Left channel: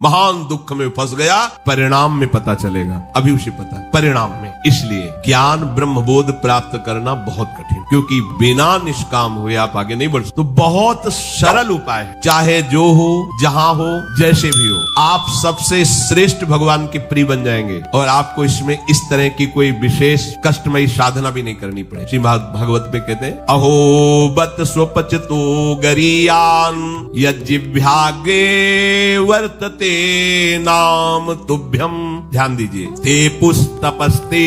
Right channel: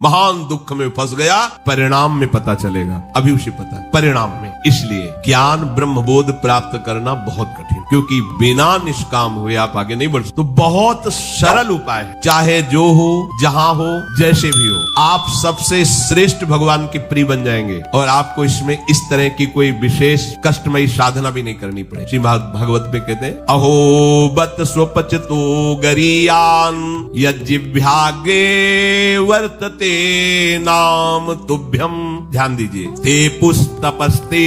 महान दुख में फंस गया, परिणाम में पता चलेगा, अभी उसे पता परिणाम में। इसलिए ज्ञान ब्रह्मबोध प्राप्त करना बहुत कठिन, क्योंकि बिना निष्काम हुए आप आगे नहीं बढ़ सकते। तो बहुत सरल उपाय है, चाहे जो हो, जहां हो, जैसे भी हो, आप सबसे श्रेष्ठ भगवान के प्रिय बन जाएंगे और आपको इसमें इस तरह की कोई विशेष कष्टमयी साधना भी नहीं करनी पड़ेगी। श्रीमद् भागवत में कहते हैं, अहो बत स्वपचतो गरीयान यज्जिह्वाग्रे वर्तते नाम तुभ्यम। ध्यान दीजिए, ते पुस्तपस्ते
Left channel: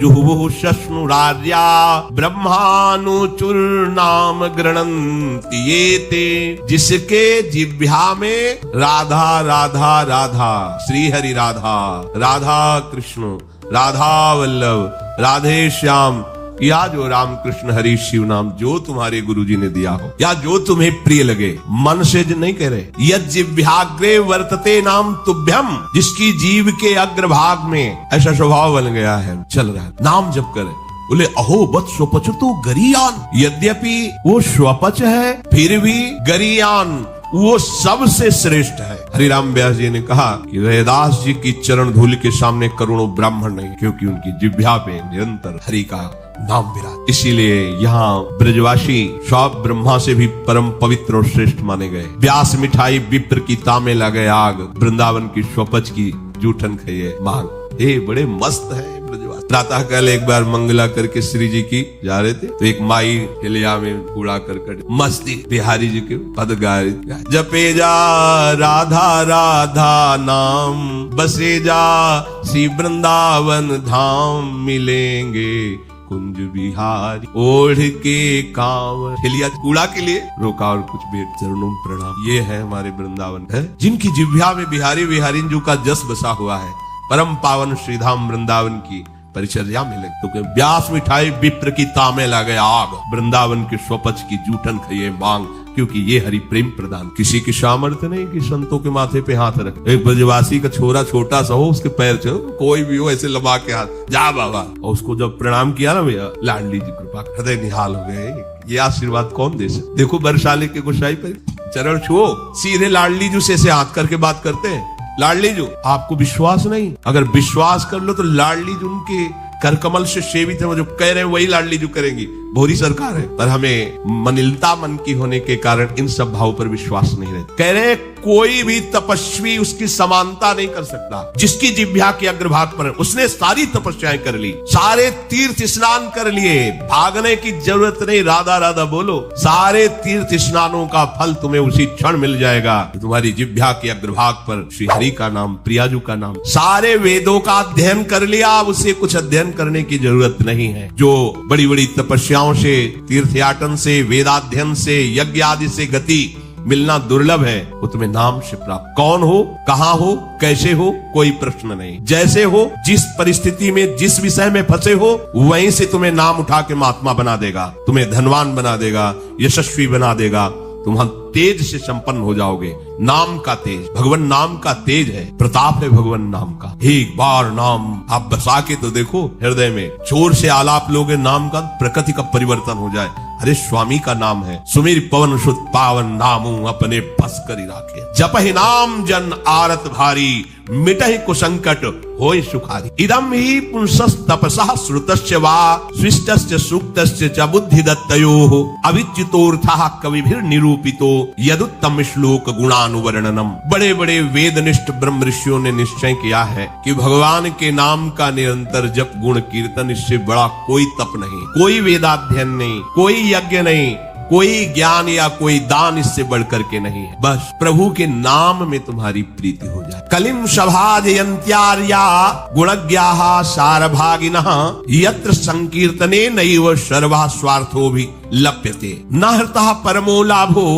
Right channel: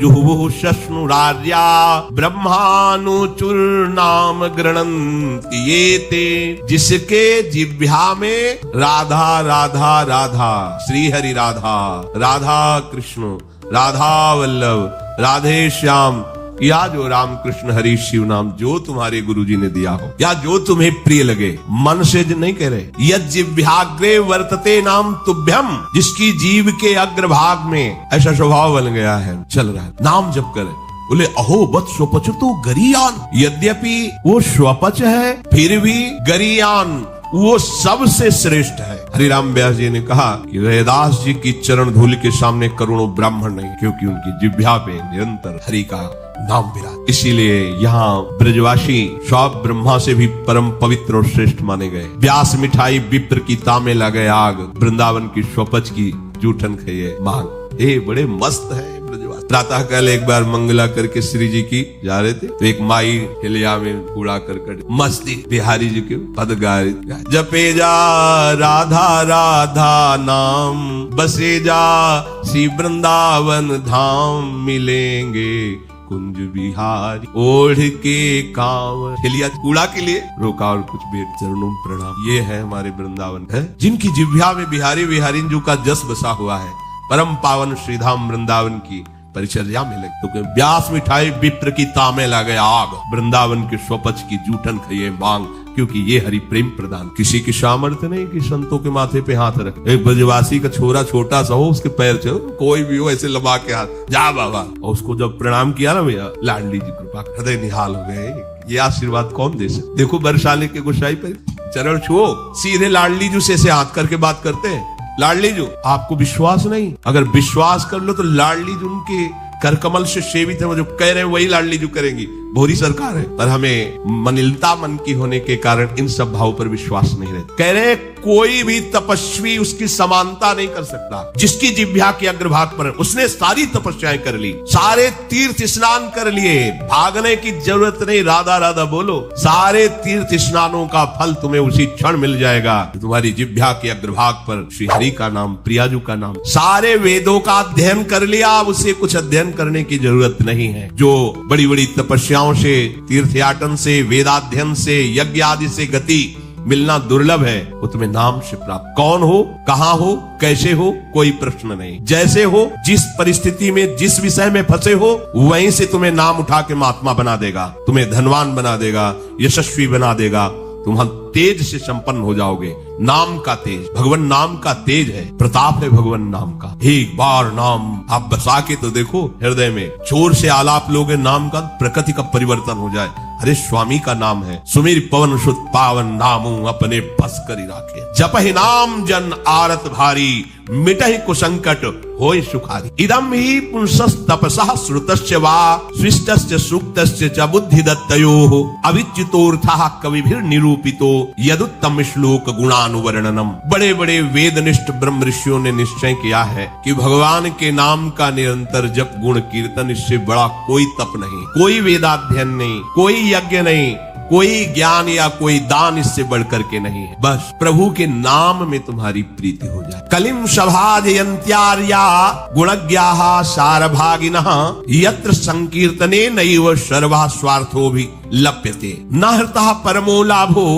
जुहुः शश्नुरार्या ब्रह्मानुचूर्णाम गृणन्ति ये ते। जिसके जिह्वा में राधा राधा राधा, श्री हरि राधा, राधा कृष्ण, राधा वल्लभ, राधे श्याम, या जो राम कृष्ण हरि शिव नाम जो तुम्हारे गुरुजी ने दिया हो, या जो तुम्हें प्रिय लगे, मन से जो नहीं कह रहे, यज्जिह्वाग्रे वर्तते नाम तुभ्यम, जिसकी जीव के अग्रभाग में ऐसा स्वभाव बन गया है, चल रहा है, नाम जप करे। बोले अहो बत स्वपच तो गरीयान, यद्यपि वो स्वपच है फिर भी गरीयान वो सबसे श्रेष्ठ है। हरिराम व्यास जी ने कहा कि वेदास जी की चरण धूलि के सामने करोड़ों ब्राह्मण नहीं, क्योंकि उनकी जिह्वा पे निरंतर हरि का नाम मिला। इसीलिए यहाँ ब्रजवासी सब ब्रह्मा से भी परम पवित्र और श्रेष्ठ माने गए। व्यास मिठाई विप्र की तामे लगे आग, वृंदावन की स्वपच की जूठन खाइए मांग। ये बड़े मस्त है। प्रातः काल एक बार मंगला करके श्री जी की जा रहे थे, तो एक माई हिलिया में कूड़ा करकट मस्ती बिहारी जी के पद गाय, जपे जा राधा राधा नाम, बसे जा श्री वृंदावन धाम, मिलेंगे कुंज बिहारी ओढ़ के कांवर। हिलिया कूड़ा के लिए रोका और कुछ बेट चरणों प्रणाम। ये है हमारे वृंदावन है, जिनकी जिह्वा में बिहारी बिहारी जी का जस बसा हुआ है। परम पावन श्रीधाम वृंदावन की परिचर्या मिले तो व्यास मिठाई विप्र की तामे लगे आग, वृंदावन के स्वपच की जूठन खाइए मांग, क्योंकि ये हरि प्रेम प्रदान। किसी की सामर्थ्य नहीं कि संतों के माथे पे हाथ रख। एक ब्रजवासी का छोरा छोटा सा हो, उसके पैर चल, कोई भी हो ऐसे लगा के हाथ, जा बाबा, और उसको जब प्रणाम किया ना भैया, लाडली जी कृपा हृदय निहाल हो गए। ये आशीर्वाद कौन दे सकते? देखो बरसाली के गोसाई पे चरण छुओ, सीधे लाडली जी से हाथ करके बात करते हैं। लाडली जी, आपको विश्वास नहीं, अगर विश्वास कर लो तो लाडली जी उनके करकमल से सेवित है, वो जो कह रहे हैं वही लाडली जी करेंगी। भोरी सरकार है, पर हमें मनिलता मन की होने के कारण इन सब भावों पर विश्वास नहीं रहता। कह रहे कोई भी तपस्वी उसकी समानता नहीं कर सकता। जिसकी जिह्वा के अग्रभाग पर है, उसने सारी तपस्याएं कर ली, सारे तीर्थ स्नान कर लिए, भागने की जरूरत नहीं, राधा राधा बोलो, सारे तीर्थ स्नानों का फल तुम्हें उसी क्षण मिल जाएगा। तुम्हारी जिह्वा के अग्रभाग पर श्री हरि का नाम, प्रियाजू का नाम। सारे वेदों का अध्ययन कर लिया, उसे कुछ अध्ययन करने की जरूरत नहीं है। जो बड़ी बड़ी तपस्याओं से, तीर्थयाटन से, वेदाध्ययन से, यज्ञ आदि से गति मिलना दुर्लभ है, वो तुम्हें नाम से प्राप्त। कौन हो, कहाँ हो, कैसे हो, कोई प्रश्न नहीं। जैसे हो, जिस परिस्थिति में, जिस विषय में फंसे हो, वहीं से तुम्हें नाम उठा के महात्मा बना देगा, तुम्हें धनवान बना देगा, यशस्वी बना देगा, तुम तेज से संपन्न हो जाओगे। नाम का तेज, भगवान नाम का तेज है, प्रताप है भगवान नाम का। एक बार नाम आप बसा के तो देखो हृदय में, जोर से आलाप लोगे नाम का, प्रकृति का परिवर्तन हो जाए। अरे स्वामी का नाम है, सुमीर पवन सुत पावन नामू अपने बस करी राखे, जप ही नाम जन आरत भारी, मिटहि कुसंकट होय सुखादि। इदम ही पुंसस् तपसः श्रुतस्य वा सृष्टस्य सूक्तस्य च बुद्धि दत्तयोः अविच्युतोऽर्थः कविभिर् निरूपितो यदुत्तम श्लोक गुणानुवर्णनम। बड़े बड़े वेदनिष्ठ ब्रह्म ऋषियों ने निश्चय किया है कि भगवान के नाम का निरंतर जप गुण कीर्तन, इससे बड़ा कोई तप नहीं, कोई वेदाध्ययन नहीं, कोई यज्ञ नहीं, कोई ज्ञान या कोई दान इससे बढ़कर के नहीं है। बस प्रभु के नाम में तुम्हारी प्रीति हो जाए। कलिम सभाजयन्त्यार्या गुणज्ञाः सारभागिनः यत्र संकीर्तने नैव सर्वः स्वार्थो भी लप्यते न हृतः परमो लाभो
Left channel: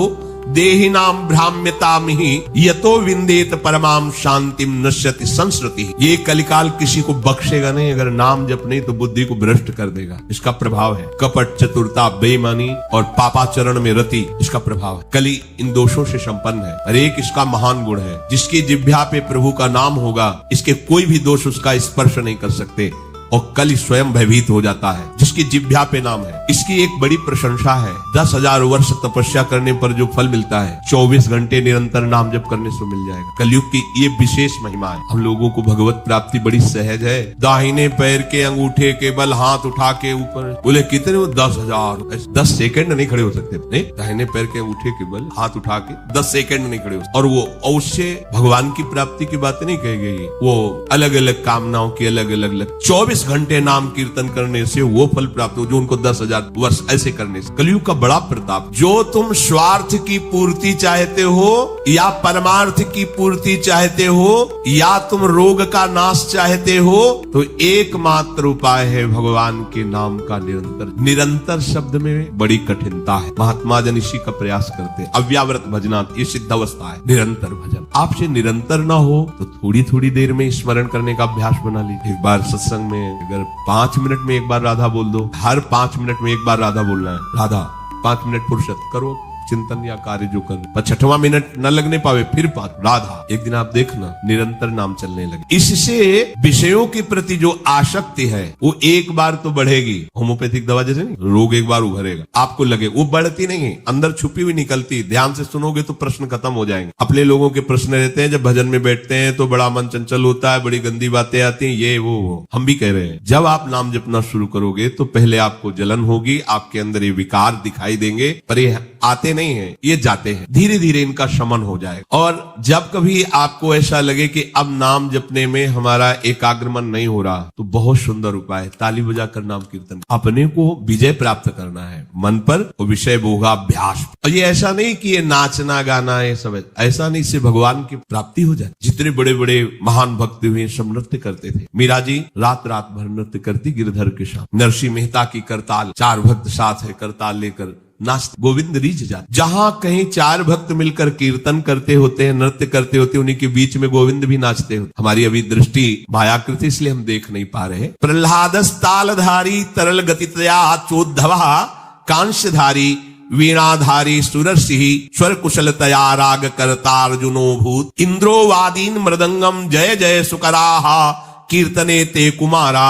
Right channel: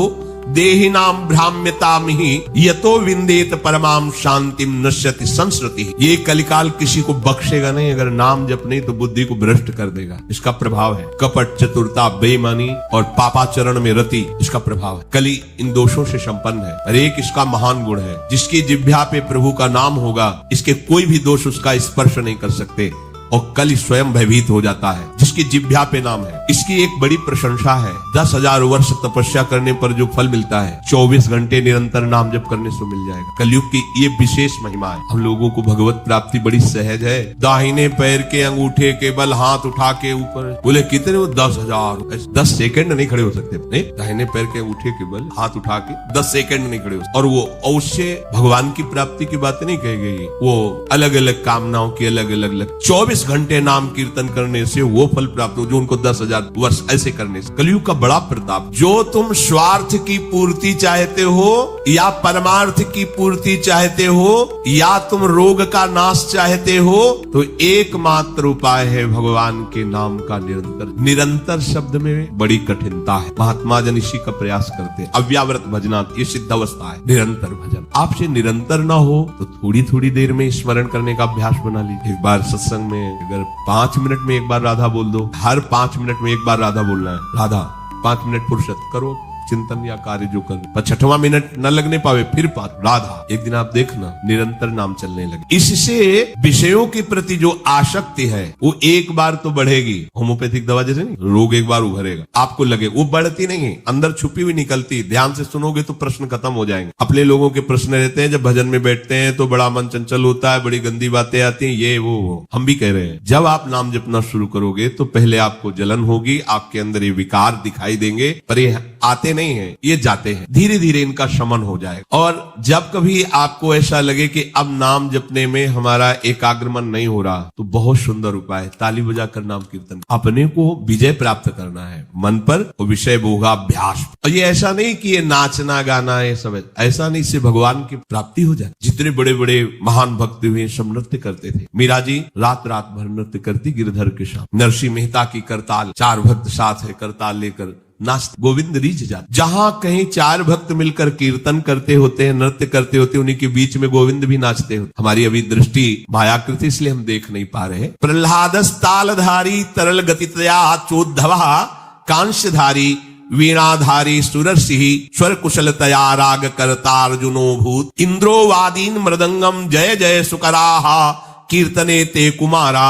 देहिनाम भ्राम्यतामिहि यतो विंदेत परमाम शांतिम नश्यति संस्कृति। ये कलिकाल किसी को बख्शेगा नहीं, अगर नाम जप नहीं तो बुद्धि को भ्रष्ट कर देगा। इसका प्रभाव है कपट, चतुरता, बेईमानी और पापाचरण में रति, इसका प्रभाव है। कली इन दोषों से संपन्न है, हर एक इसका महान गुण है। जिसकी जिह्वा पे प्रभु का नाम होगा, इसके कोई भी दोष उसका स्पर्श नहीं कर सकते। और कल स्वयं भयभीत हो जाता है। जिसकी जिह्वा पे नाम है, इसकी एक बड़ी प्रशंसा है। 10,000 वर्ष तपस्या करने पर जो फल मिलता है 24 घंटे निरंतर नाम जप करने से मिल जाएगा। कलयुग की ये विशेष महिमा है। हम लोगों को भगवत प्राप्ति बड़ी सहज है। दाहिने पैर के अंगूठे के बल हाथ उठा के ऊपर, बोले कितने हो? 10,000। 10 सेकंड नहीं खड़े हो सकते। नहीं, दाहिने पैर के अंगूठे के बल हाथ उठा के 10 सेकंड नहीं खड़े हो सकते। और वो अवश्य भगवान की प्राप्ति की बात नहीं कही गई। वो अलग अलग कामनाओं के अलग अलग 24 घंटे नाम कीर्तन करने से वो फल प्राप्त हो जो उनको 10,000 वर्ष ऐसे करने से। कलयुग का बड़ा प्रताप। जो तुम स्वार्थ की पूर्ति चाहते हो या परमार्थ की पूर्ति चाहते हो या तुम रोग का नाश चाहते हो, तो एकमात्र उपाय है भगवान के नाम का निरंतर। निरंतर शब्द में बड़ी कठिनता है। महात्मा जन इसी का प्रयास करते हैं। अव्याव्रत भजना ये सिद्ध अवस्था है। निरंतर भजन आपसे निरंतर ना हो तो थोड़ी थोड़ी देर में स्मरण करने का अभ्यास बना लीजिए। एक बार सत्संग में अगर 5 मिनट में एक बार राधा बोल दो, हर 5 मिनट में एक बार राधा बोलना है। राधा 5 मिनट फुर्सत करो, चिंतन या कार्य जो कर, पर 6वां मिनट न लगने पावे फिर राधा। एक दिन आप देखना निरंतर नाम चलने लगे। इससे विषयों के प्रति जो आसक्ति है वो एक बार तो बढ़ेगी। होम्योपैथिक दवा जैसे रोग एक बार उभरेगा, आपको लगे वो बढ़ती नहीं है, अंदर छुपी हुई निकलती। ध्यान से सुनोगे तो प्रश्न खत्म हो जाएंगे। अपने लोगों के प्रश्न रहते हैं, जब भजन में बैठते हैं तो बड़ा मन चंचल होता है, बड़ी गंदी बातें आती है, ये वो। हम भी कह रहे हैं जब आप नाम जपना शुरू करोगे तो पहले आपको जलन होगी, आपके अंदर ये विकार दिखाई देंगे, पर ये आते नहीं है, ये जाते हैं। धीरे धीरे इनका शमन हो जाए। और जब कभी आपको ऐसा लगे कि अब नाम जपने में हमारा एकाग्रमन नहीं हो रहा, तो बहुत सुंदर उपाय है, ताली बजाकर नाम कीर्तन। अपने को विजय प्राप्त करना है मन पर, और विषय भोगाभ्यास। और ये ऐसा नहीं कि ये नाचना गाना ये सब है, ऐसा नहीं, से भगवान की प्राप्ति हो जाए। जितने बड़े बड़े महान भक्त हुए सब नृत्य करते थे। मीरा जी रात रात भर नृत्य करती गिरधर के साथ। नरसिंह मेहता की करताल, 4 भक्त साथ है, करताल लेकर नाच गोविंद रीझ जाते। जहां कहीं 4 भक्त मिलकर कीर्तन करते होते हैं, नृत्य करते होते, उन्हीं के बीच में गोविंद भी नाचते होते। हमारी अभी दृष्टि मायाकृति, इसलिए हम देख नहीं पा रहे। प्रहलादस तालधारी तरल गतितया चोद्धवा कांस्यधारी वीणाधारी सुरसिंह स्वर कुशलतया राग करता अर्जुनो भूत इंद्रो वादीन मृदंगम जय जय सुकराहा कीर्तने ते कुमारा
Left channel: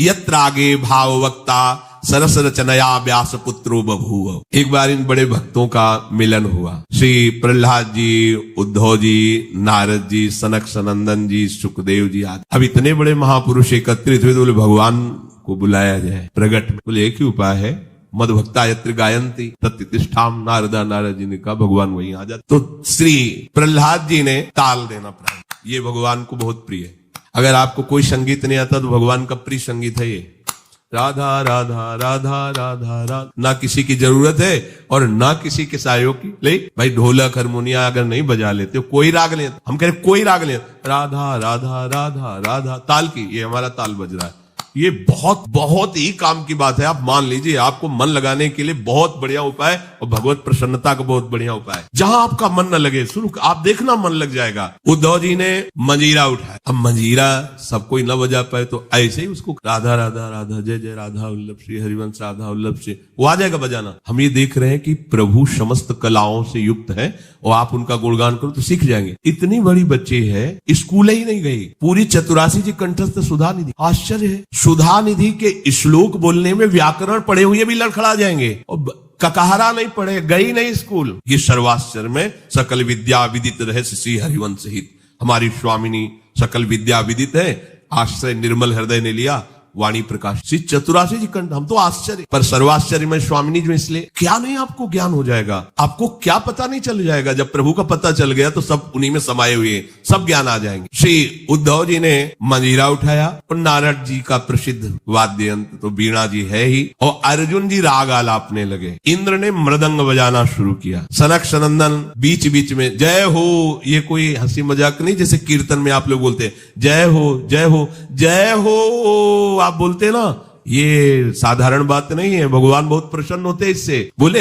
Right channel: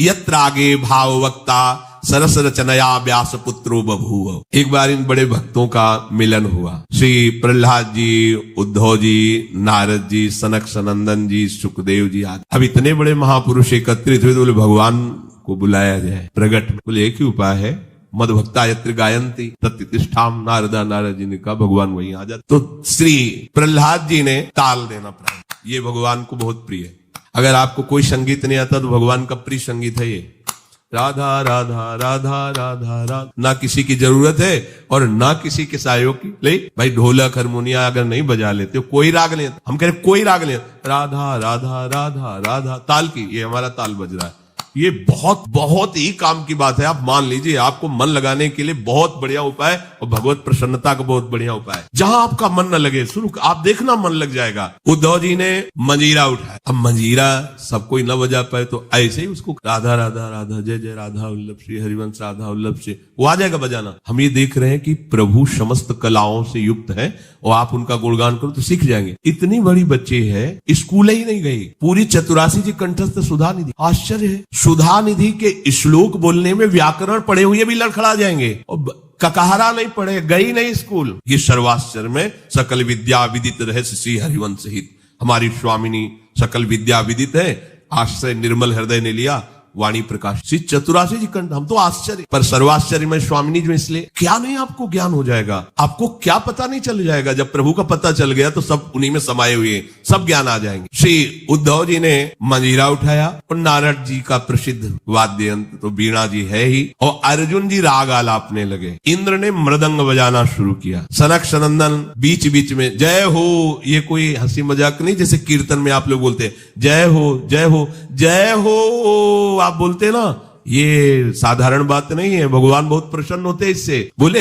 यत्रागे भाववक्ता सरस रचनया व्यास पुत्रो बभूव। एक बार इन बड़े भक्तों का मिलन हुआ। श्री प्रहलाद जी, उद्धव जी, नारद जी, सनक सनंदन जी, सुखदेव जी आदि। अब इतने बड़े महापुरुष एकत्रित हुए तो भगवान को बुलाया जाए। प्रगट में एक ही उपाय है, मद भक्ता यत्र गायंती तत्तिष्ठाम नारदा। नारद जी ने कहा भगवान वही आ जाते। तो श्री प्रहलाद जी ने ताल देना पड़ा। ये भगवान को बहुत प्रिय है। अगर आपको कोई संगीत नहीं आता तो भगवान का प्रिय संगीत है ये। राधा राधा राधा राधा राधा। ना किसी की जरूरत है और ना किसी के सहयोग की। ले भाई ढोलक हारमोनिया अगर नहीं बजा लेते, कोई राग ले, हम कह रहे कोई राग ले, राधा राधा राधा राधा ताल की, ये हमारा ताल बज रहा है। ये बहुत बहुत ही काम की बात है। आप मान लीजिए, आपको मन लगाने के लिए बहुत बढ़िया उपाय और भगवत प्रसन्नता का बहुत बढ़िया उपाय है। जहां आपका मन न लगे शुरू आप देखना मन लग जाएगा। उद्धव जी ने मंजीरा उठाया। अब मंजीरा सब कोई न बजा पाए तो ऐसे ही उसको राधा राधा राधा जय जय राधा वल्लभ श्री हरिवंश राधा वल्लभ से वो आ जाएगा बजाना। हम ये देख रहे हैं कि प्रभु समस्त कलाओं से युक्त है और आप उनका गुणगान करो तो सीख जाएंगे। इतनी बड़ी बच्ची है, स्कूल ही नहीं गई, पूरी चतुरासी जी कंठस्थ सुधा निधि। आश्चर्य है, सुधा निधि के श्लोक बोलने में व्याकरण पढ़े हुए भी लड़खड़ा जाएंगे। ककहरा नहीं पढ़े, गई नहीं स्कूल। ये सर्वाश्चर्य में सकल विद्या विदित रहस्य श्री हरिवंश हित। हमारी स्वामिनी सकल विद्या विदित है, आश्रय निर्मल हृदय ने लिया वाणी प्रकाश। श्री चतुरासी जी कंठ। हम तो आश्चर्य, पर सर्वाश्चर्य में स्वामिनी जो, इसलिए क्या नहीं आपको ज्ञान हो जाएगा, आपको क्या पता नहीं चल जाएगा। जब प्रभु को पता चल गया तो सब उन्हीं में समाये हुए हैं, सब ज्ञान आ जाएंगे। श्री उद्धव जी ने मंजीरा उठाया और नारद जी का प्रसिद्ध वाद्य यंत्र तो वीणा जी है ही, और अर्जुन जी राग आलापने लगे। इंद्र ने मृदंग बजाना शुरू किया। सनक सनंदन बीच बीच में जय हो, ये कोई हंसी मजाक नहीं जैसे कीर्तन में आप लोग बोलते हैं जय हो जय हो जय हो, आप बोलते ना, ये साधारण बात नहीं है। भगवान बहुत प्रसन्न होते इससे। बोले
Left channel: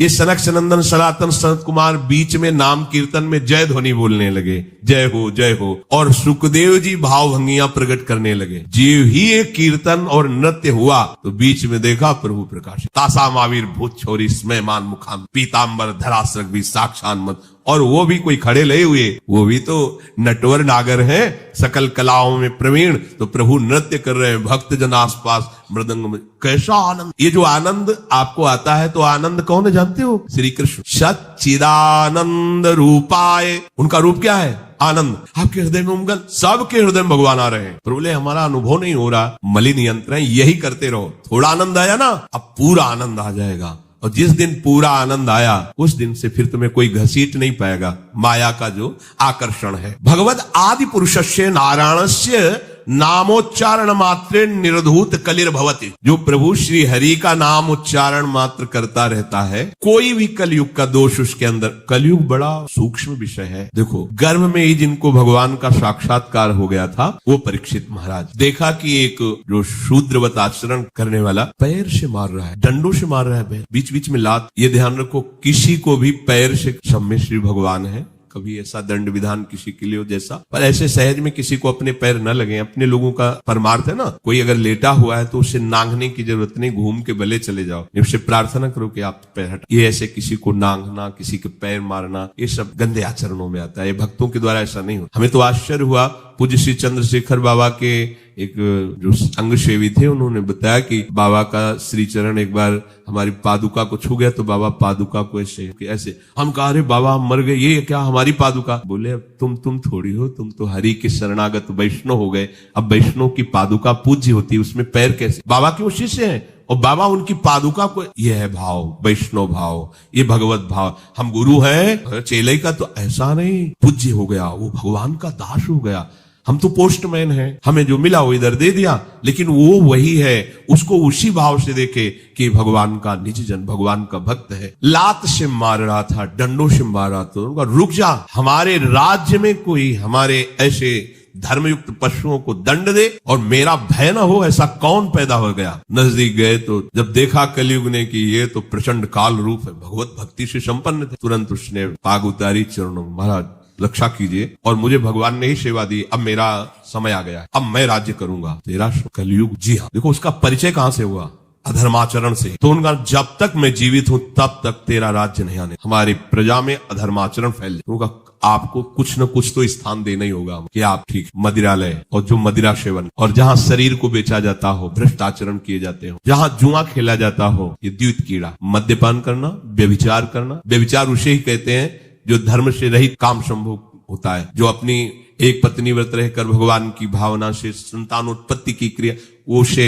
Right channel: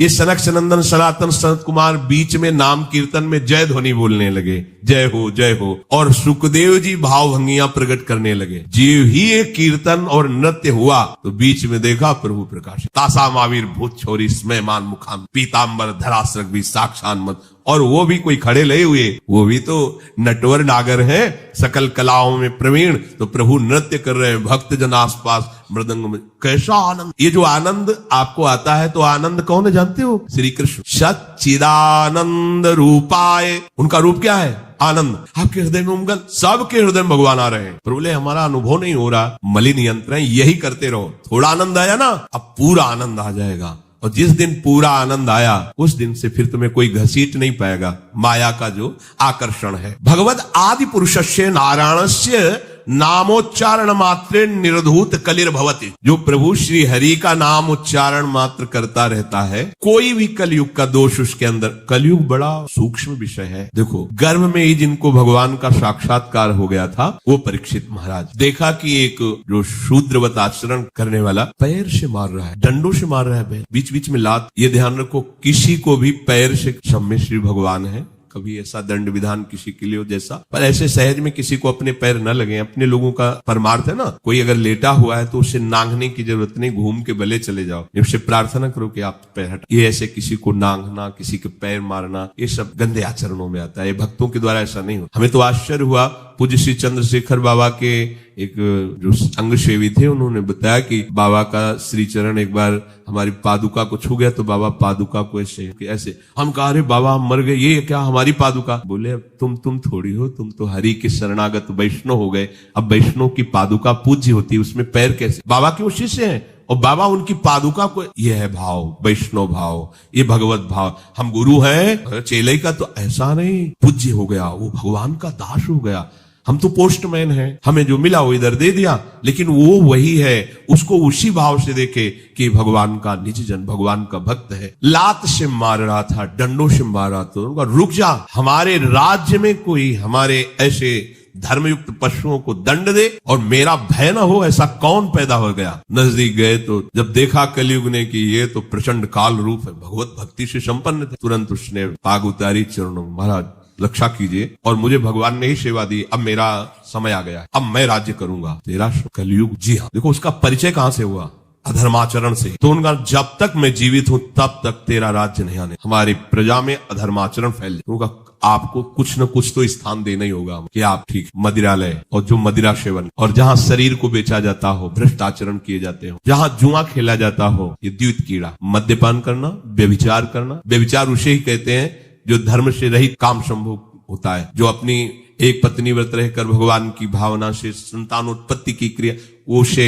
ये सनक सनंदन सनातन सनत कुमार बीच में नाम कीर्तन में जय ध्वनि बोलने लगे, जय हो जय हो, और सुखदेव जी भावभंगियां प्रकट करने लगे। जो ही ये कीर्तन और नृत्य हुआ तो बीच में देखा प्रभु प्रकाश। तासा मावीर भूत छोरी स्मयमान मुखान पीताम्बर धरासर भी साक्षान मत और वो भी कोई खड़े नहीं हुए, वो भी तो नटवर नागर है, सकल कलाओं में प्रवीण। तो प्रभु नृत्य कर रहे हैं, भक्त जन आसपास मृदंग में। कैसा आनंद! ये जो आनंद आपको आता है, तो आनंद कौन है जानते हो? श्री कृष्ण। सच्चिदानंद रूपाय, उनका रूप क्या है? आनंद। आपके हृदय में उमगल, सबके हृदय में भगवान आ रहे हैं। प्रभु बोले हमारा अनुभव नहीं हो रहा, मलिन यंत्र है, यही करते रहो। थोड़ा आनंद आया ना, अब पूरा आनंद आ जाएगा। और जिस दिन पूरा आनंद आया, उस दिन से फिर तुम्हें कोई घसीट नहीं पाएगा। माया का जो आकर्षण है। भगवद आदि पुरुषस्य नारायणस्य नामोच्चारण मात्रे निर्धूत कलिर्भवति। जो प्रभु श्री हरि का नाम उच्चारण मात्र करता रहता है, कोई भी कलयुग का दोष उसके अंदर। कलयुग बड़ा सूक्ष्म विषय है। देखो, गर्भ में ही जिनको भगवान का साक्षात्कार हो गया था, वो परीक्षित महाराज। देखा कि एक जो शूद्रवत आचरण करने वाला पैर से मार रहा है, दंडों से मार रहा है, बीच बीच में लात। ये ध्यान रखो, किसी को भी पैर से, क्षम्य श्री भगवान है, कभी ऐसा दंड विधान किसी के लिए हो जैसा, पर ऐसे सहज में किसी को अपने पैर न लगे। अपने लोगों का परमार्थ है ना, कोई अगर लेटा हुआ है तो उसे नांगने की जरूरत नहीं, घूम के भले चले जाओ, उससे प्रार्थना करो कि आप पैर हट। ये ऐसे किसी को नांगना, किसी के पैर मारना, ये सब गंदे आचरणों में आता है। भक्तों के द्वारा ऐसा नहीं होता। हमें तो आश्चर्य हुआ, पूज्य श्री चंद्रशेखर बाबा के एक जो अंग सेवी थे, उन्होंने बताया कि बाबा का श्री चरण एक बार हमारी पादुका को छू गए, तो बाबा पादुका को ऐसे। हम कहा, अरे बाबा हम मर गए, ये क्या हमारी पादुका? बोले तुम थोड़ी हो, तुम तो हरि के शरणागत वैष्णव हो गए। अब वैष्णव की पादुका पूज्य होती है, उसमें पैर कैसे? बाबा के उसी से है, और बाबा उनकी पादुका को, ये है भाव, वैष्णव भाव, ये भगवत भाव। हम गुरु हैं, चेले का तो ऐसा नहीं, पूज्य हो गया, वो भगवान का दास हो गया। हम तो पोस्टमैन हैं, हमें जो मिला वो इधर दे दिया, लेकिन वो वही है, उसको उसी भाव से देखे कि भगवान का निज जन, भगवान का भक्त है। लात से मार रहा था, डंडों से मार रहा था। रुक जा, हमारे राज्य में कोई हमारे ऐसे धर्मयुक्त पशुओं को दंड दे और मेरा भय न हो, ऐसा कौन पैदा हो गया? नजदीक गए तो जब देखा कलयुग ने कि ये तो प्रचंड काल रूप है, भगवत भक्ति से संपन्न था, तुरंत उसने आग उतारी चरणों, महाराज रक्षा कीजिए, और मुझे भगवान ने ही सेवा दी, अब मेरा समय आ गया, अब मैं राज्य करूंगा। तेरा कलयुग, जी हाँ। देखो उसका परिचय कहां से हुआ? अधर्माचरण से। तो उनका, जब तक मैं जीवित हूं तब तक तेरा राज्य नहीं आने। हमारी प्रजा में अधर्माचरण फैल होगा, आपको कुछ न कुछ तो स्थान देना ही होगा कि आप ठीक मदिरालय, और जो मदिरा सेवन, और जहां शरीर को बेचा जाता हो, भ्रष्ट आचरण किए जाते हो, जहां जुआ खेला जाता हो, ये द्वित कीड़ा, मद्यपान करना, व्यभिचार करना। व्यभिचार उसे ही कहते हैं जो धर्म से रहित काम संभोग होता है, जो अपनी एक पत्नी व्रत रहकर भगवान की भावना से संतानोत्पत्ति की क्रिया, उसे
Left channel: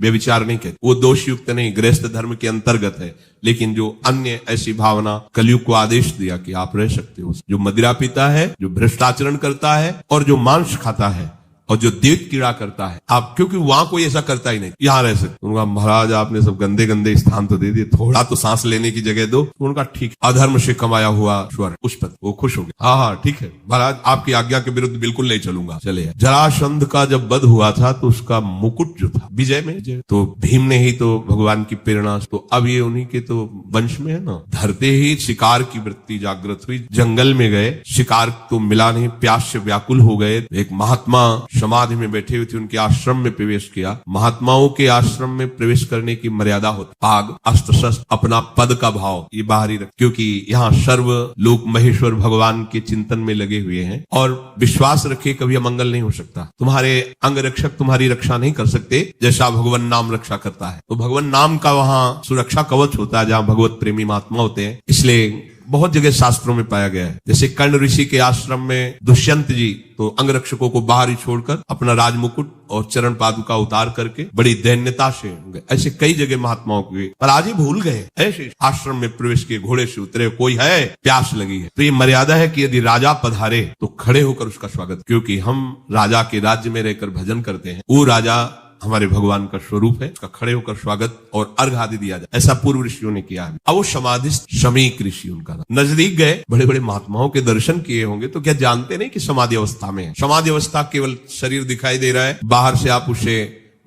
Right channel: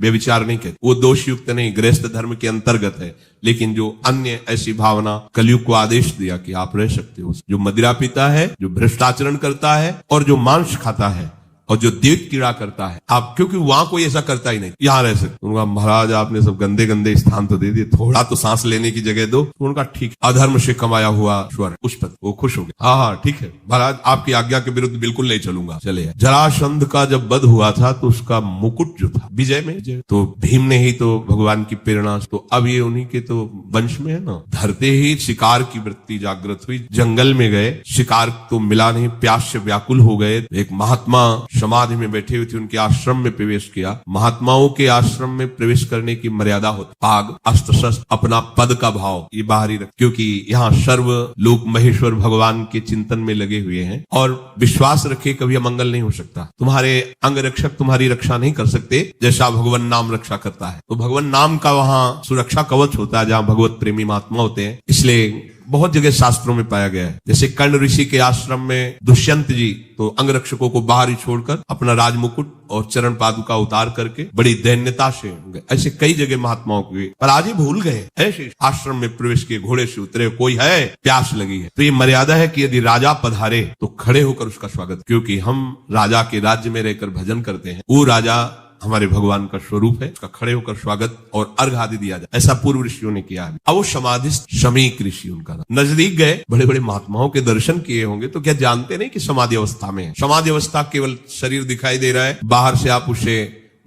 व्यभिचार नहीं कहते, वो दोष युक्त नहीं, गृहस्थ धर्म के अंतर्गत है। लेकिन जो अन्य ऐसी भावना, कलयुग को आदेश दिया कि आप रह सकते हो। जो मदिरा पीता है, जो भ्रष्टाचरण करता है, और जो मांस खाता है, और जो देव कीड़ा करता है, आप, क्योंकि वहां कोई ऐसा करता ही नहीं, यहाँ रह सकते। उनका, महाराज आपने सब गंदे गंदे स्थान तो दे दिए, थोड़ा तो सांस लेने की जगह दो। उनका, ठीक, अधर्म से कमाया हुआ स्वर्ग, उस पर वो खुश हो गए। हाँ हाँ ठीक है महाराज, आपकी आज्ञा के विरुद्ध बिल्कुल नहीं चलूंगा, चलेगा। जरासंध का जब वध हुआ था तो उसका मुकुट जो था विजय में, तो भीम ने ही तो भगवान की प्रेरणा, तो अब ये उन्हीं के तो वंश में है ना। धरते ही शिकार की वृत्ति जागृत हुई, जंगल में गए, शिकार तो मिला नहीं, प्यास से व्याकुल हो गए। एक महात्मा समाधि में बैठे हुए थे, उनके आश्रम में प्रवेश किया। महात्माओं के आश्रम में प्रवेश करने की मर्यादा होती, पाग, अस्त्र शस्त्र, अपना पद का भाव ये बाहरी रख, क्योंकि यहाँ सर्व लोक महेश्वर भगवान के चिंतन में लगे हुए हैं, और विश्वास रखे कभी अमंगल नहीं हो सकता। तुम्हारे अंग रक्षक तुम्हारी रक्षा नहीं कर सकते जैसा भगवान नाम रक्षा करता है। तो भगवान नाम का वहाँ सुरक्षा कवच होता है, जहाँ भगवत प्रेमी महात्मा होते हैं। इसलिए बहुत जगह शास्त्रों में पाया गया है। जैसे कर्ण ऋषि के आश्रम में दुष्यंत जी तो अंगरक्षकों को बाहर ही छोड़कर अपना राजमुकुट और चरण पादुका उतार करके बड़ी दैन्यता से, ऐसे कई जगह महात्माओं के, पर आज ही भूल गए। ऐसे आश्रम में प्रवेश किए, घोड़े से उतरे, कोई है, प्यास लगी है, तो ये मर्यादा है कि यदि राजा पधारे तो खड़े होकर उसका स्वागत, क्योंकि हम राजा के राज्य में रहकर भजन करते हैं। वो राजा हमारे भगवान का स्वरूप है, उसका खड़े होकर स्वागत और अर्घ आदि दिया जाए, ऐसा पूर्व ऋषियों ने किया है। अब वो समाधि शमीक ऋषि उनका नजदीक गए, बड़े बड़े महात्माओं के दर्शन किए होंगे, तो क्या जानते नहीं कि समाधि अवस्था में है। समाधि अवस्था केवल शरीर दिखाई दे रहा है, बाहर से आप उसे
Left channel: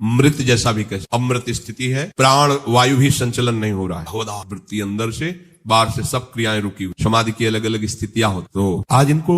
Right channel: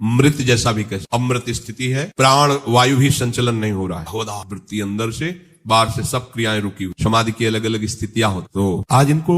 मृत जैसा भी कह, अमृत स्थिति है, प्राण वायु भी संचलन नहीं हो रहा है, होदा वृत्ति अंदर से, बाहर से सब क्रियाएं रुकी हुई, समाधि की अलग अलग स्थितियां होती। तो आज इनको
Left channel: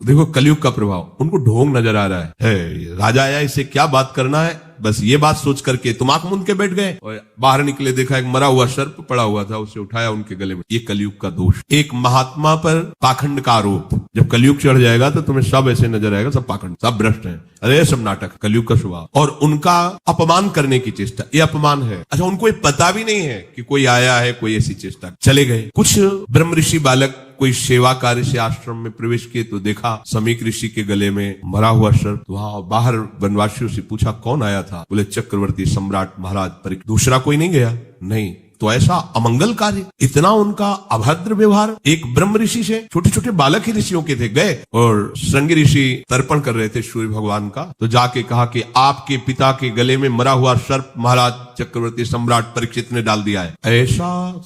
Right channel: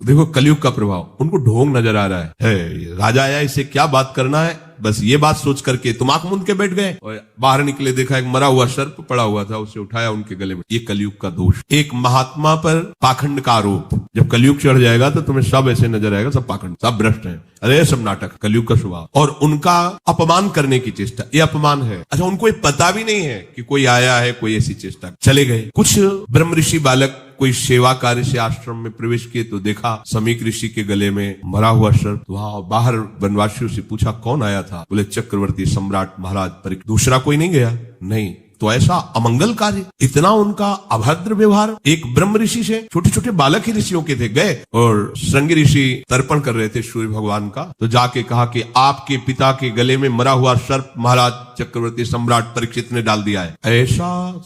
देखो कलयुग का प्रभाव, उनको ढोंग नजर आ रहा है राजा आया इसे क्या बात करना है, बस ये बात सोच करके तुम आंख मूंद के बैठ गए और बाहर निकले, देखा एक मरा हुआ सर्प पड़ा हुआ था, उसे उठाया उनके गले में। ये कलयुग का दोष, एक महात्मा पर पाखंड का आरोप। जब कलयुग चढ़ जाएगा तो तुम्हें सब ऐसे नजर आएगा, सब पाखंड, सब भ्रष्ट है, अरे सब नाटक, कलयुग का स्वभाव। और उनका अपमान करने की चेष्टा, ये अपमान है। अच्छा, उनको पता भी नहीं है कि कोई आया है, कोई ऐसी चेष्टा। चले गए। कुछ ब्रह्म ऋषि बालक कोई सेवा कार्य से आश्रम में प्रवेश किए तो देखा समीक ऋषि के गले में मरा हुआ सर्प। यहाँ बाहर वनवासियों से पूछा कौन आया था, बोले चक्रवर्ती सम्राट महाराज परीक्षित। दूसरा कोई नहीं गया, नहीं तो ऐसा अमंगल कार्य, इतना उनका अभद्र व्यवहार एक ब्रह्म ऋषि से। छोटे छोटे बालक ही ऋषियों के थे, गए और श्रृंगी ऋषि तर्पण कर रहे थे सूर्य भगवान का, तो जाके कहा कि आपके पिता के गले में मरा हुआ सर्प महाराज चक्रवर्ती सम्राट परीक्षित ने डाल दिया है। ऐसा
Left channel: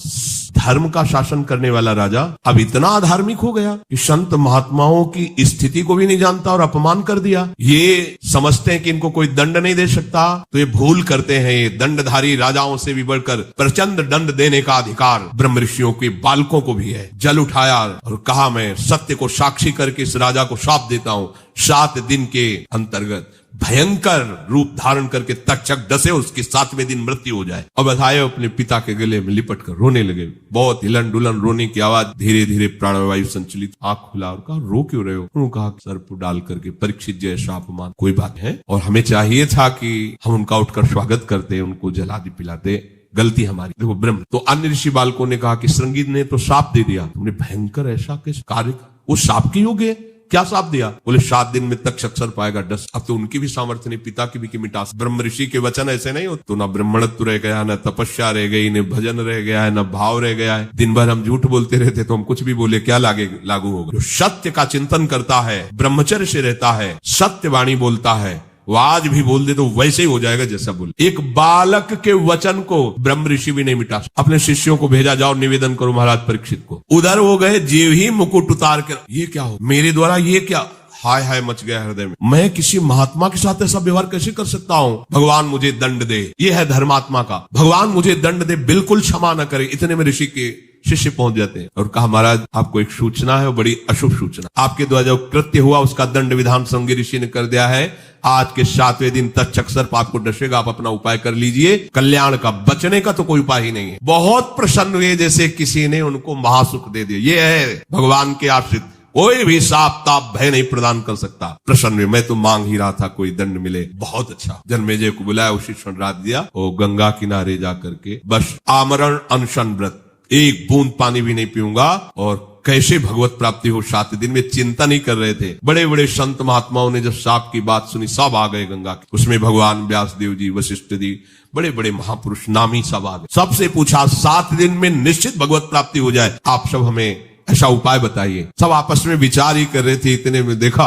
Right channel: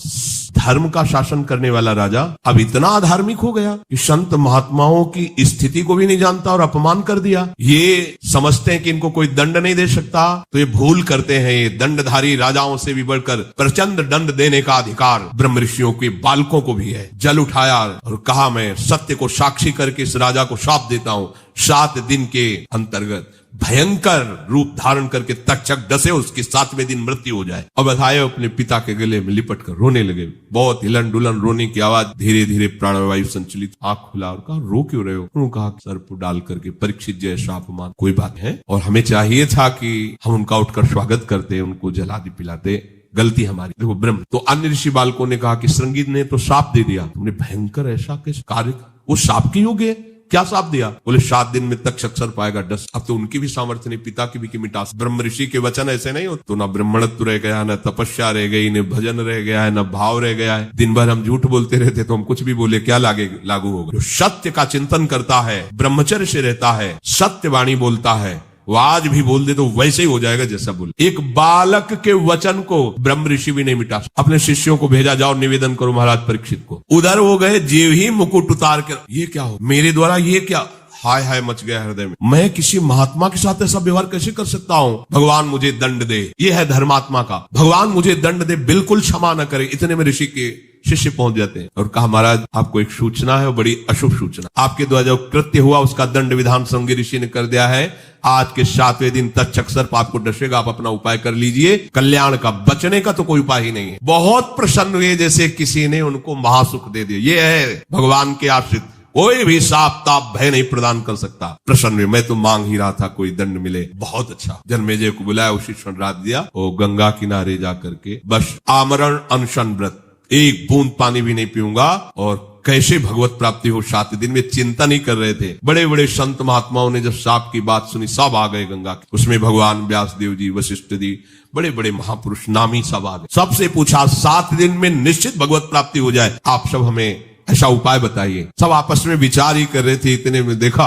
धर्म का शासन करने वाला राजा अब इतना धार्मिक हो गया कि संत महात्माओं की स्थिति को भी नहीं जानता और अपमान कर दिया। ये समझते हैं कि इनको कोई दंड नहीं दे सकता, तो ये भूल करते हैं। ये दंडधारी राजाओं से भी बढ़कर प्रचंड दंड देने का अधिकार ब्रह्म ऋषियों के बालकों को भी है। जल उठाया और कहा मैं सत्य को साक्षी करके इस राजा को शाप देता हूँ, 7 दिन के अंतर्गत भयंकर रूप धारण करके तक्षक डसे, उसकी 7वें दिन मृत्यु हो जाए। अब आए अपने पिता के गले में लिपट कर रोने लगे, बहुत हिलन डुलन रोने की आवाज, धीरे धीरे प्राणवायु संचलित, आंख खुला और कहा रो क्यों रहे हो? उन्होंने कहा सर्प डाल करके परीक्षित जैसा अपमान, कोई बात है, और हमें चाहिए था कि हम उनका उठकर स्वागत करते, उनको जला भी पिलाते, गलती हमारी। देखो ब्रह्म। तो अन्य ऋषि बालकों ने कहा कि श्रृंगी ने तो शाप दे दिया, तुमने भयंकर ऐसा किस कार्य, उस शाप के योग्य क्या साथ दिया? बोले 7 दिन में तक अक्षर पाएगा डस। अब तो उनकी भी सामर्थ्य नहीं, पिता की भी की मिटास। ब्रह्म ऋषि के वचन ऐसे नहीं होते, तो ना ब्राह्मणत्व रह गया, न तपस्या रह गई, न भजन रह गया है, न भाव रह गया है। दिन भर हम झूठ बोलते रहते तो हम कुछ भी बोले क्या लागू होगा। सत्य का चिंतन करता है, ब्रह्मचर्य से रहता है, सत्य वाणी बोलता है, वो आज भी बोल दे तो वैसे ही हो जाएगा जैसा बोले। एक बालक के वचन को ब्रह्म ऋषि भी नहीं मिटा। अपने शिष्यों को भेजा, जाओ निवेदन करो महाराज परीक्षित को। उधर हो गए, जीव ही मुकुट उतार कर, ये क्या हो मेरे द्वारा, ये क्या, हाय हाय मच गया हृदय में। मैं किसी महात्मा के साथ ऐसा व्यवहार कैसे कर सकता हूँ? भगवान मुझे दंड दे, ये है धर्मात्मा का, भगवान मुझे दंड दे, बिल्कुल क्षमा न करे। इतने में ऋषि के शिष्य पहुंच जाते हैं और कहा महाराज आपको एक सूचना है, बड़ी अशुभ सूचना। आपके द्वारा जो कृत्य हुआ उसका दंड विधान श्रृंगी ऋषि ने कर दिया है। आज के 7वें दिन तक्षक सर्प आपको डसेगा, आप अपना उपाय कर लीजिए, कल्याण का, बचने का तो कोई उपाय ही नहीं है। बहुत प्रसन्न हुए जैसे किसी ने उनको महासुख दे दिया। ये है भगवान के आश्रित, कोई भी साप ताप भय नहीं प्रदान कर सकता। प्रसन्न हुए, मैं तो मांग ही रहा था कोई दंड मिले। बहुत अच्छा। जन्मेजय को बुलाया, उसी क्षण रात दिया और गंगा किनारे जा करके बस आमरण अनशन व्रत, एक बूंद पानी भी नहीं पीऊंगा, और कैसी भगवत प्राप्ति हो 7 दिन में चिंता नहीं कर रहे थे। बड़े बड़े संत महात्माओं ने जो साप की बात सुनी, सब आ गए गंगा की। उसमें भगवान व्यासदेव जी, वशिष्ठ जी, बड़े बड़े महापुरुष नामी सब आ गए। सबसे पूछा 7 दिन में निश्चित भगवत प्राप्ति हो जाए, आप सब हमें ऐसा उपाय बताइए। सब आपस में विचार ही कर रहे थे। इतने में देखा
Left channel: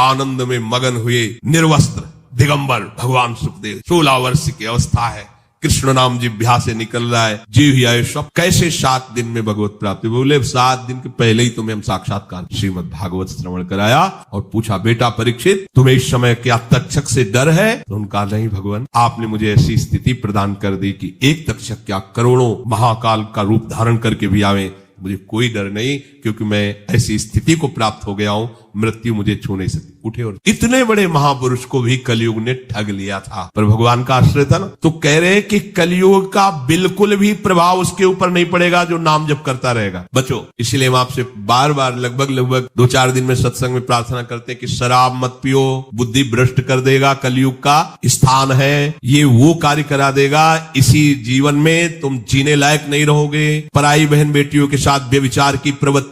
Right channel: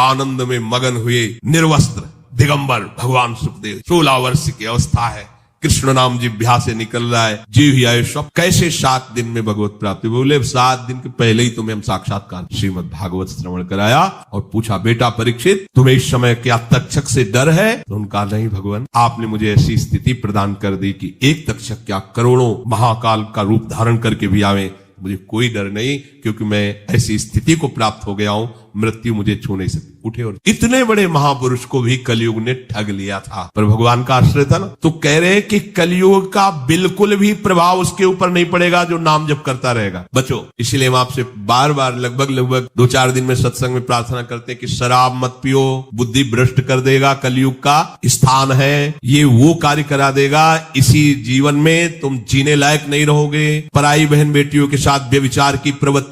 आनंद में मगन हुए निर्वस्त्र दिगंबर भगवान सुखदेव, 16 वर्ष की अवस्था है, कृष्ण नाम जिह्वा से निकल रहा है, जीव ही आए सब। कैसे 7 दिन में भगवत प्राप्ति? बोले 7 दिन के पहले ही तुम्हें हम साक्षात्कार श्रीमद् भागवत श्रवण कराया और पूछा बेटा परीक्षित तुम्हें इस समय क्या तक्षक से डर है? उनका नहीं भगवान, आपने मुझे ऐसी स्थिति प्रदान कर दी कि एक तक्षक क्या करोड़ों महाकाल का रूप धारण करके भी आवे, मुझे कोई डर नहीं, क्योंकि मैं ऐसी स्थिति को प्राप्त हो गया हूं, मृत्यु मुझे छू नहीं सकती। उठे और इतने बड़े महापुरुष को भी कलयुग ने ठग लिया था, पर भगवान का आश्रय था ना। तो कह रहे हैं कि कलयुग का बिल्कुल भी प्रभाव उसके ऊपर नहीं पड़ेगा जो नाम जप करता रहेगा। बच्चों, इसीलिए हम आपसे बार बार लगभग 2-4 दिन में सत्संग में प्रार्थना करते कि शराब मत पियो, बुद्धि भ्रष्ट कर देगा, कलयुग का स्थान है, ये वो कार्य करा देगा, इसी जीवन में तुम जीने लायक नहीं रहोगे। पराई बहन बेटियों के साथ व्यभिचार की प्रवृत्ति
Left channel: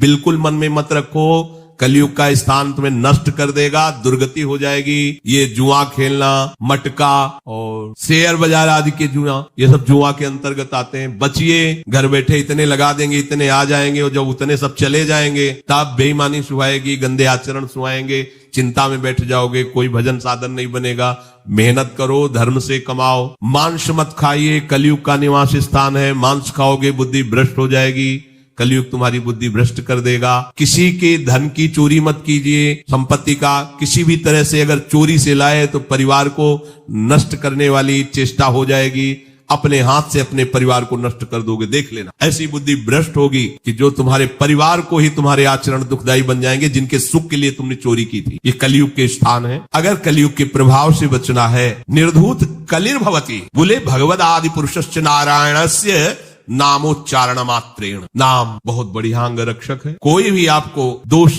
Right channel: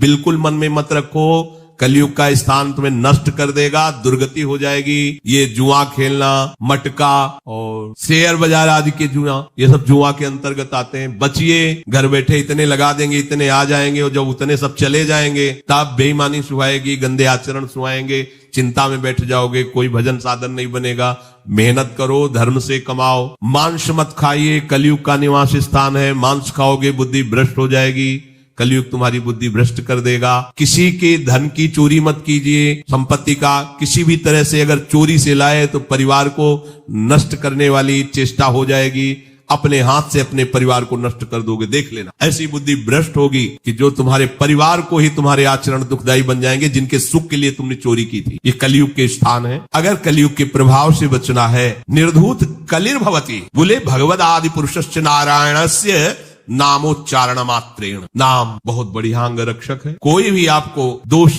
बिल्कुल मन में मत रखो, कलयुग का स्थान तुम्हें नष्ट कर देगा, दुर्गति हो जाएगी। ये जुआ खेलना, मटका और शेयर बाजार आदि के जुआ, ये सब जुआ के अंतर्गत आते हैं। बचिए, घर बैठे इतने लगा देंगे, इतने आ जाएंगे, और जब उतने सब चले जाएंगे तब बेईमानी सुहाएगी, गंदे आचरण सुहाएंगे, चिंता में बैठ जाओगे, कोई भजन साधन नहीं बनेगा। मेहनत करो, धर्म से कमाओ, मांस मत खाइए, कलयुग का निवास स्थान है, मांस खाओगे बुद्धि भ्रष्ट हो जाएगी, कलयुग तुम्हारी बुद्धि भ्रष्ट कर देगा। किसी के धन की चोरी मत कीजिए, संपत्ति का किसी भी तरह से अगर चोरी से लाए तो परिवार को नष्ट करने वाली चेष्टा हो जाएगी। अपने हाथ से अपने परिवार को नष्ट कर दोगे। देख लेना, ऐसी बुद्धि भ्रष्ट होगी कि जो तुम्हारे परिवार को ही तुम्हारे आचरण दुखदायी बन जाएंगे, जिनके सुख के लिए तुमने चोरी की थी। ये कलयुग के स्थान है। अगर कलयुग के प्रभाव से बचना है, निर्धूत कलिर्भवति, बोले भगवद आदि पुरुषस्य नारायणस्य नामोच्चारण मात्रेण। नाम बहुत बढ़िया अंग रक्षक है। कोई भी आपको दोष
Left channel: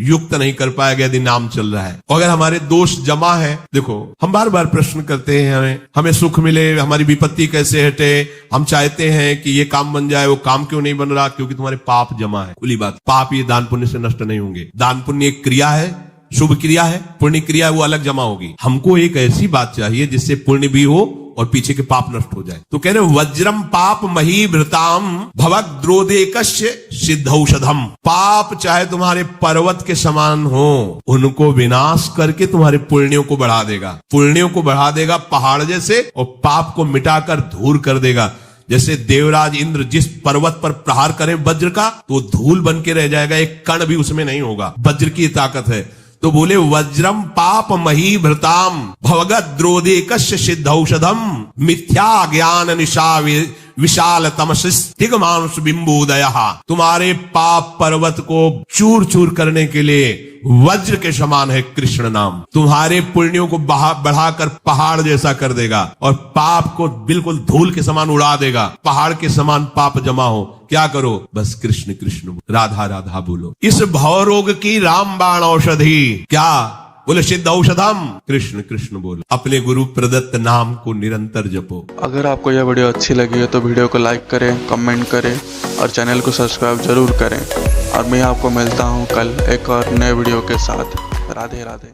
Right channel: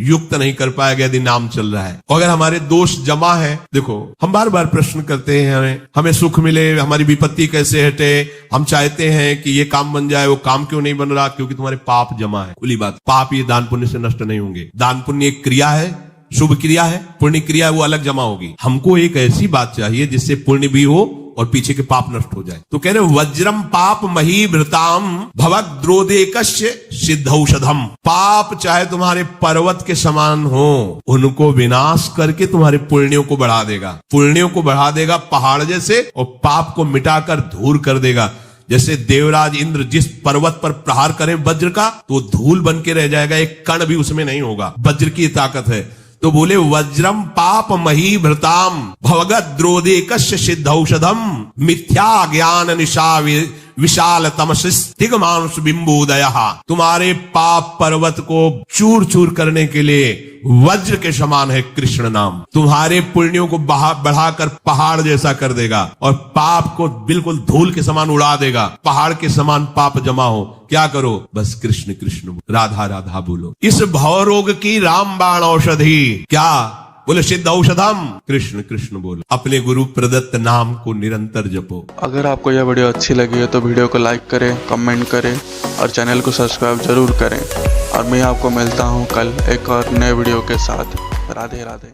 युक्त नहीं कर पाएगा यदि नाम चल रहा है। तो अगर हमारे दोष जमा है, देखो हम बार बार प्रश्न करते हैं, हमें सुख मिले, हमारी विपत्ति कैसे हटे, हम चाहते हैं कि ये काम बन जाए, वो काम क्यों नहीं बन रहा? क्योंकि तुम्हारे पाप जमा है। खुली बात, पाप ये दान पुण्य से नष्ट नहीं होंगे। दान पुण्य एक क्रिया है, शुभ क्रिया है, पुण्य क्रिया वो अलग जमा होगी। हमको एक ऐसी बात चाहिए जिससे पुण्य भी हो और पीछे के पाप नष्ट हो जाए। तो कह रहे वज्रम पाप मही भृताम भवद्रोदेकस्य सिद्धौषधम। पाप चाहे तुम्हारे पर्वत के समान हो, उनको विनाश करके तुम्हारे पुण्यों को बढ़ा देगा। पुण्यों को बढ़ा देगा पहाड़ जैसे, और पाप को मिटाकर धूल कर देगा। जैसे देवराज इंद्र जिस पर्वत पर प्रहार करे वज्र का, तो धूल बन के रह जाएगा, एक कण भी उसमें नहीं होगा। वज्र की ताकत है। तो बोले वज्रम पाप मही भृताम भवद्रोदेकस्य सिद्धौषधम मिथ्या ज्ञान निशा विशाल तमसिगमांश बिंबोदय। तुम्हारे पाप पर्वत को चूर चूर करने के लिए वज्र के समान है कृष्ण नाम। तुम्हारे पुण्यों को बढ़ाकर पहाड़ जैसा कर देगा और पाप को बिल्कुल धूल के समान उड़ा देगा। पहाड़ के समान पाप जमा हो, क्या करो? बस कृष्ण कृष्ण, राधा राधा बोलो। इस भवरोग की रामबाण औषधि क्या? बोले सिद्ध औषधम, कृष्ण कृष्ण बोलो। अपने गुरु प्रदत्त नाम को निरंतर जपो। अगर आपको यह वीडियो अच्छी लगी है तो वीडियो को लाइक करें, कमेंट करें और चैनल को सब्सक्राइब जरूर करें। और मैं आपको मिलता हूँ कल एक और नए वीडियो के साथ। राधे राधे।